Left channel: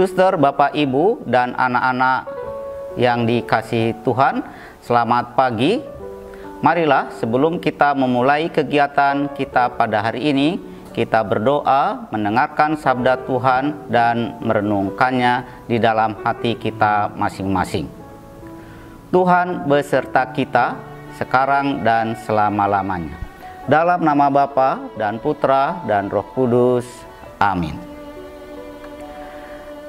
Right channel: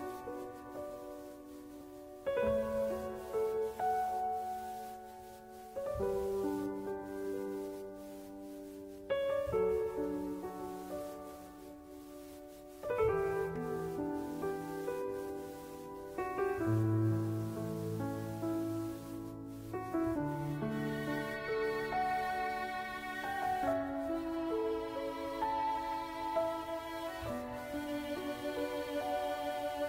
Suster, Bapak, Ibu, dan anak-anak yang dikasihi Tuhan, selamat pagi. Marilah sebelum kita memulai kegiatan kita pada hari ini, kita berdoa, mendengarkan sabda Tuhan, dan merenungkannya di dalam hati kita masing-masing. Tuhan beserta kita sekarang dan selama-lamanya. Dalam nama Bapa dan Putra dan Roh Kudus. Amin.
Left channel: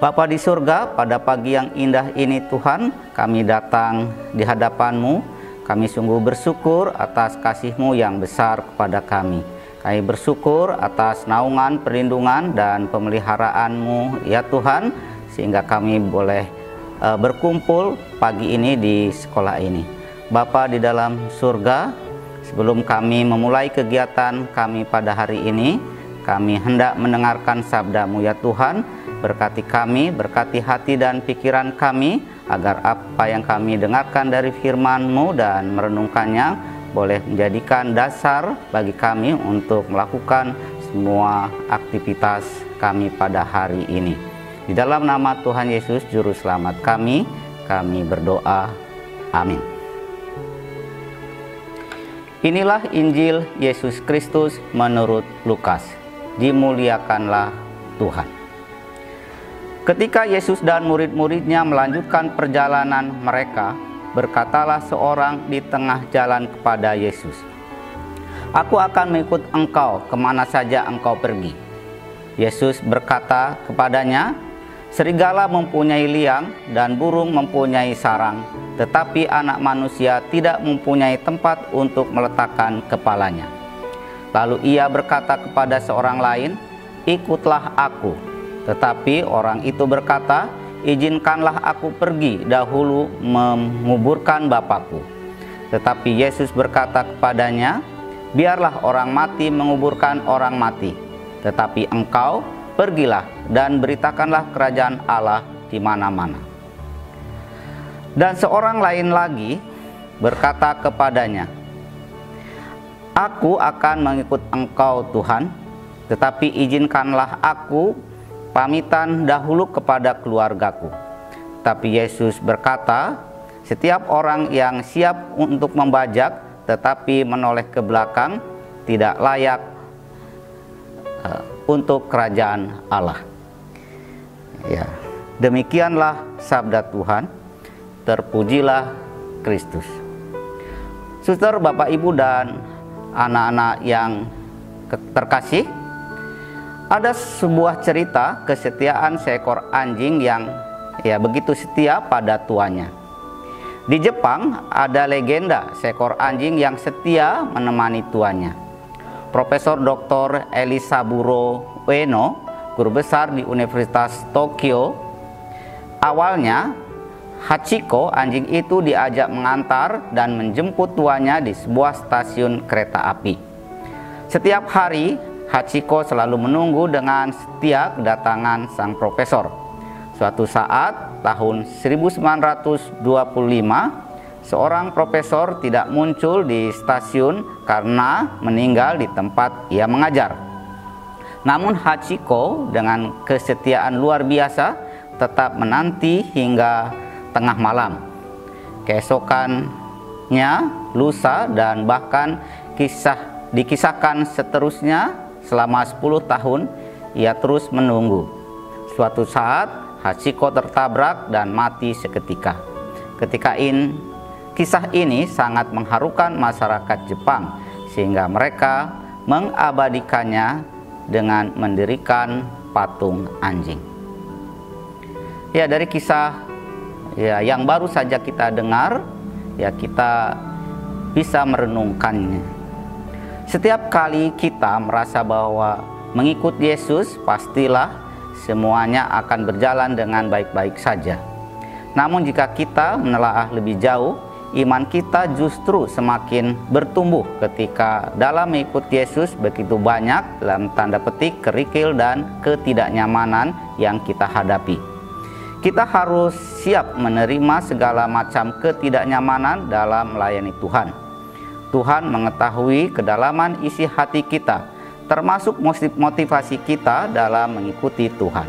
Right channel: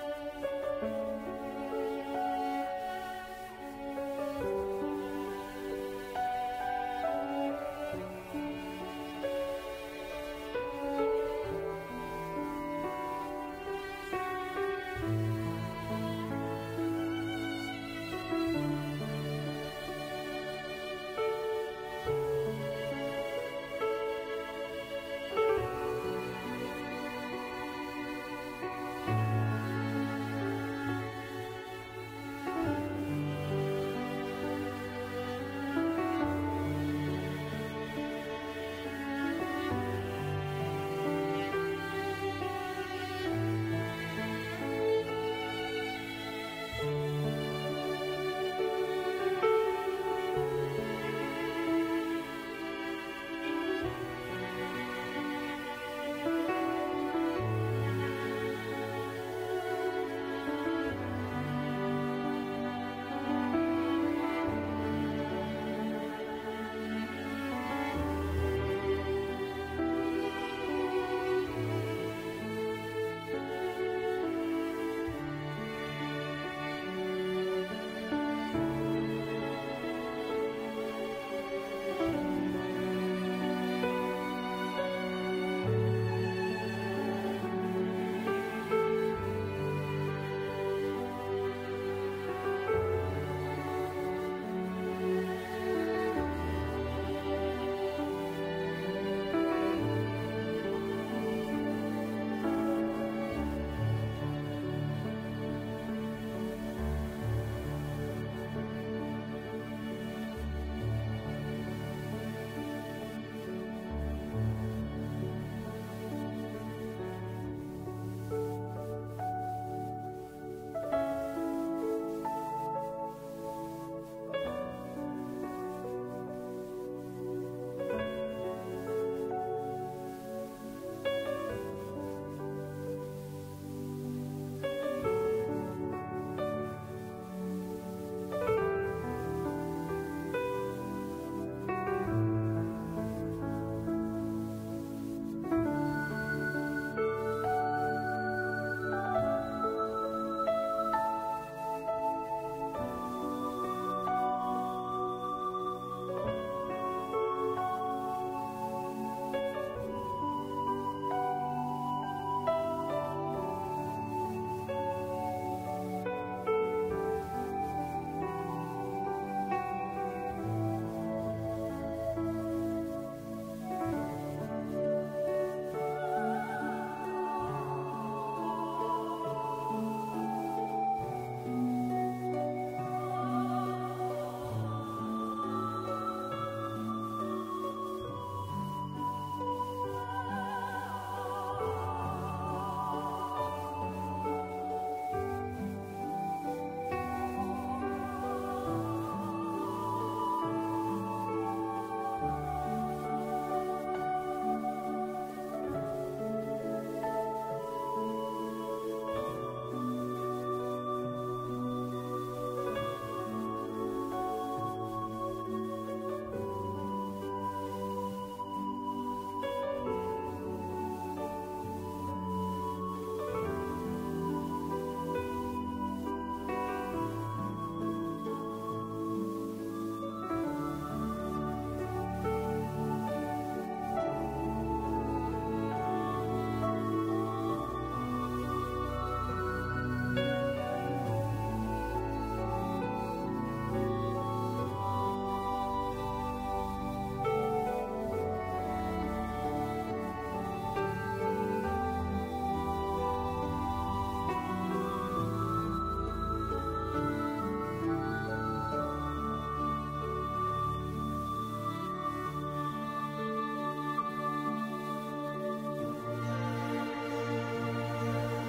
Bapa di surga, pada pagi yang indah ini Tuhan, kami datang di hadapan-Mu. Kami sungguh bersyukur atas kasih-Mu yang besar kepada kami. Kami bersyukur atas naungan, perlindungan, dan pemeliharaan-Mu ya Tuhan, sehingga kami boleh berkumpul pagi ini di sekolah ini. Bapa di dalam surga, sebelum kami memulai kegiatan kami pada hari ini, kami hendak mendengarkan sabda-Mu ya Tuhan. Berkati kami, berkati hati dan pikiran kami, agar apa yang kami dengarkan dari firman-Mu dan merenungkannya boleh menjadikan dasar bagi kami untuk melakukan semua aktivitas kami pada hari ini. Di dalam nama Tuhan Yesus Juru Selamat kami berdoa. Amin. Inilah Injil Yesus Kristus menurut Lukas. Dimuliakanlah Tuhan. Ketika Yesus dan murid-muridnya melanjutkan perjalanan mereka, berkatalah seorang di tengah jalan kepada Yesus, "Aku akan mengikut engkau kemana saja engkau pergi." Yesus berkata kepadanya, "Serigala mempunyai liang dan burung mempunyai sarang, tetapi Anak Manusia tidak mempunyai tempat untuk meletakkan kepalanya." Lalu ia berkata kepada seorang lain, "Ikutlah aku." Tetapi orang itu berkata, "Izinkanlah aku pergi dahulu menguburkan Bapakku." Tetapi Yesus berkata kepadanya, "Biarlah orang mati menguburkan orang mati, tetapi engkau pergilah dan beritakanlah kerajaan Allah di mana-mana." Dan seorang lain lagi berkata kepadanya, "Aku akan mengikut engkau Tuhan, tetapi izinkanlah aku pamitan dahulu kepada keluargaku." Tapi Yesus berkata, "Setiap orang yang siap untuk membajak tetapi menoleh ke belakang tidak layak untuk kerajaan Allah." Ya, demikianlah sabda Tuhan. Terpujilah Kristus. Suster, Bapak, Ibu, dan anak-anak yang terkasih, ada sebuah cerita kesetiaan seekor anjing yang begitu setia pada tuannya. Di Jepang ada legenda seekor anjing yang setia menemani tuannya. Profesor Dr. Elisaburo Ueno, guru besar di Universitas Tokyo, awalnya Hachiko, anjing itu, diajak mengantar dan menjemput tuannya di sebuah stasiun kereta api. Setiap hari Hachiko selalu menunggu dengan setia kedatangan sang profesor. Suatu saat tahun 1925, seorang profesor tidak muncul di stasiun karena meninggal di tempat ia mengajar. Namun Hachiko dengan kesetiaan luar biasa tetap menanti hingga tengah malam. Keesokannya, lusa, dan bahkan dikisahkan seterusnya selama 10 tahun ia terus menunggu. Suatu saat Hachiko tertabrak dan mati seketika. Kisah ini sangat mengharukan masyarakat Jepang, sehingga mereka mengabadikannya dengan mendirikan patung anjing. Ya, dari kisah yang baru saja kita dengar, kita bisa merenungkannya. Setiap kali kita merasa bahwa mengikut Yesus, pastilah semuanya akan berjalan dengan baik-baik saja. Namun jika kita menelaah lebih jauh, iman kita justru semakin bertumbuh ketika dalam mengikut Yesus begitu banyak, dalam tanda petik, kerikil dan ketidaknyamanan yang kita hadapi. Kita harus siap menerima segala macam ketidaknyamanan dalam melayani Tuhan. Tuhan mengetahui kedalaman isi hati kita, termasuk motivasi kita dalam mengikuti Tuhan.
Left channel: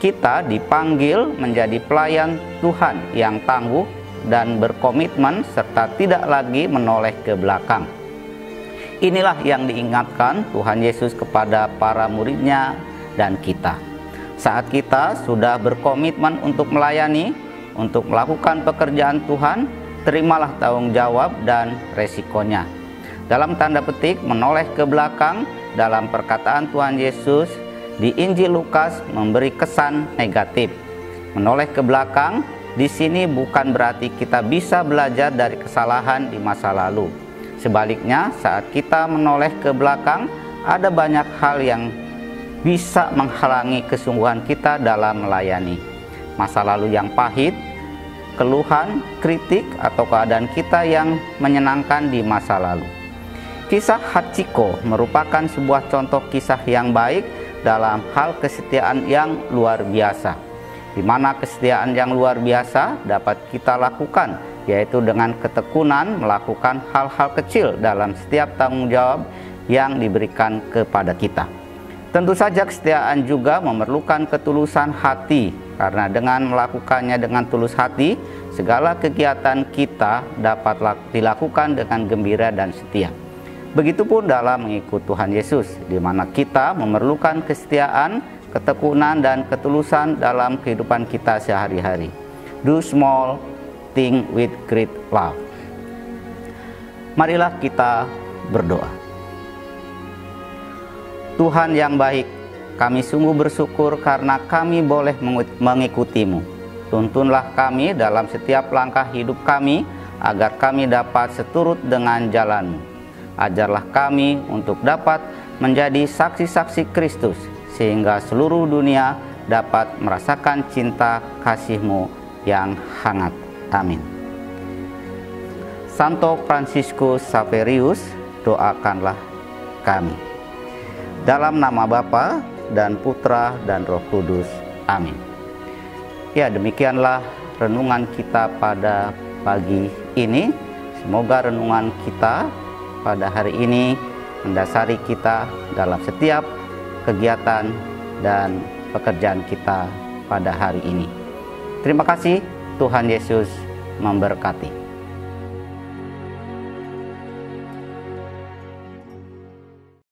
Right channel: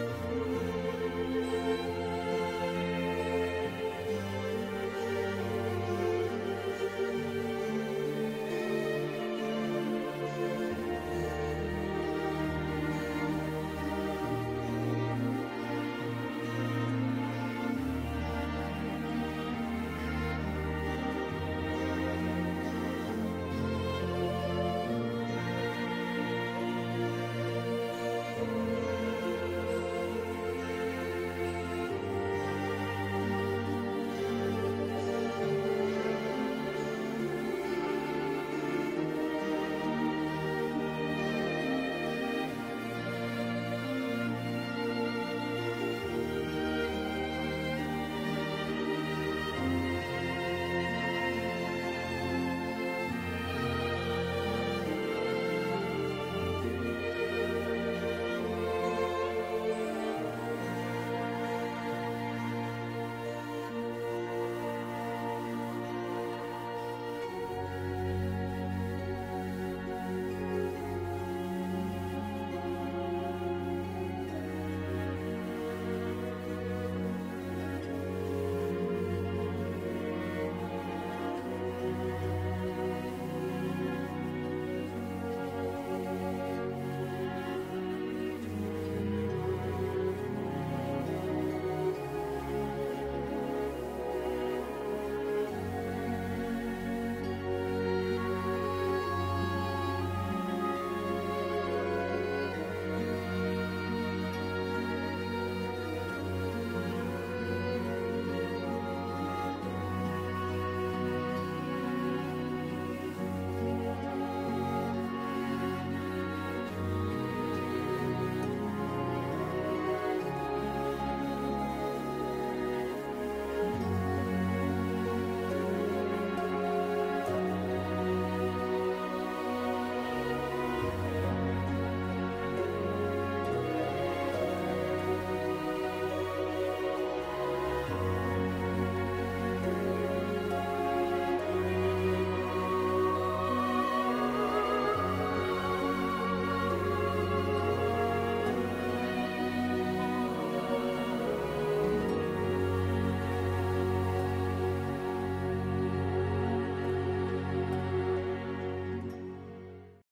kita dipanggil menjadi pelayan Tuhan yang tangguh dan berkomitmen serta tidak lagi menoleh ke belakang. Inilah yang diingatkan Tuhan Yesus kepada para murid-Nya dan kita. Saat kita sudah berkomitmen untuk melayani, untuk melakukan pekerjaan Tuhan, terimalah tanggung jawab dan resikonya. Dalam tanda petik menoleh ke belakang dalam perkataan Tuhan Yesus di Injil Lukas memberi kesan negatif. Menoleh ke belakang di sini bukan berarti kita bisa belajar dari kesalahan di masa lalu. Sebaliknya, saat kita menoleh ke belakang, ada banyak hal yang bisa menghalangi kesungguhan kita dalam melayani. Masa lalu yang pahit, keluhan, kritik, atau keadaan kita yang menyenangkan di masa lalu. Kisah Hachiko merupakan sebuah contoh kisah yang baik dalam hal kesetiaan yang luar biasa, di mana kesetiaan yang luar biasa dapat kita lakukan, yaitu dengan ketekunan melakukan hal-hal kecil dalam setiap tanggung jawab yang diberikan kepada kita. Tentu saja kesetiaan juga memerlukan ketulusan hati, karena dengan melakukannya dengan tulus hati, segala kegiatan kita dapat dilakukan dengan gembira dan setia. Begitupun dalam mengikut Tuhan Yesus, di mana kita memerlukan kesetiaan, ketekunan, dan ketulusan dalam kehidupan kita sehari-hari. Do small thing with great love. Marilah kita berdoa. Tuhan yang baik, kami sungguh bersyukur karena kami boleh mengikut-Mu. Tuntunlah kami dalam setiap langkah hidup kami, agar kami dapat seturut dengan jalan-Mu. Ajarlah kami untuk dapat menjadi saksi-saksi Kristus, sehingga seluruh dunia dapat merasakan cinta kasih-Mu yang hangat. Amin. Santo Fransiskus Xaverius, doakanlah kami. Dalam nama Bapa dan Putra dan Roh Kudus. Amin. Ya, demikianlah renungan kita pada pagi ini. Semoga renungan kita pada hari ini mendasari kita dalam setiap kegiatan dan pekerjaan kita pada hari ini. Terima kasih, Tuhan Yesus memberkati.